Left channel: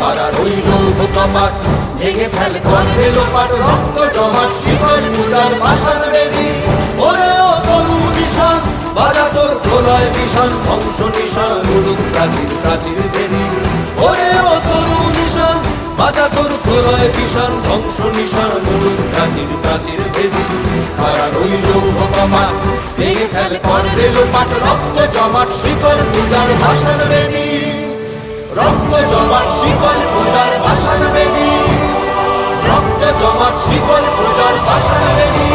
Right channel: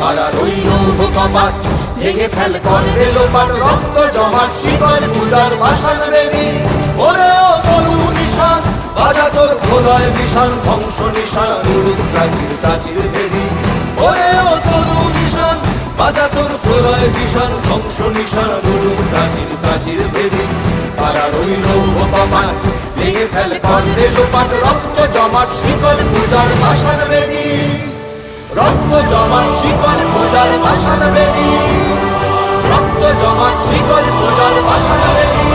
কারা রইল কপাট ভেঙে ফেল কর রেলোপাট রক্ত জমাট শিকল পূজার পাষাণ বেদী ওরে ও তরু নিশান বাজা তোর প্রলয় বিষাণ ধ্বংস নিশান উড়ুক প্রাচীর প্রাচীর ভেদী ওরে ও তরু নিশান বাজা তোর প্রলয় বিষাণ ধ্বংস নিশান উড়ুক প্রাচীর প্রাচীর ভেদী কারা রইল কপাট ভেঙে ফেল কর রেলোপাট রক্ত জমাট শিকল পূজার পাষাণ বেদী রক্ত জমাট শিকল পূজার পাষাণ বেদী রক্ত জমাট শিকল পূজার পাষাণ বেদী।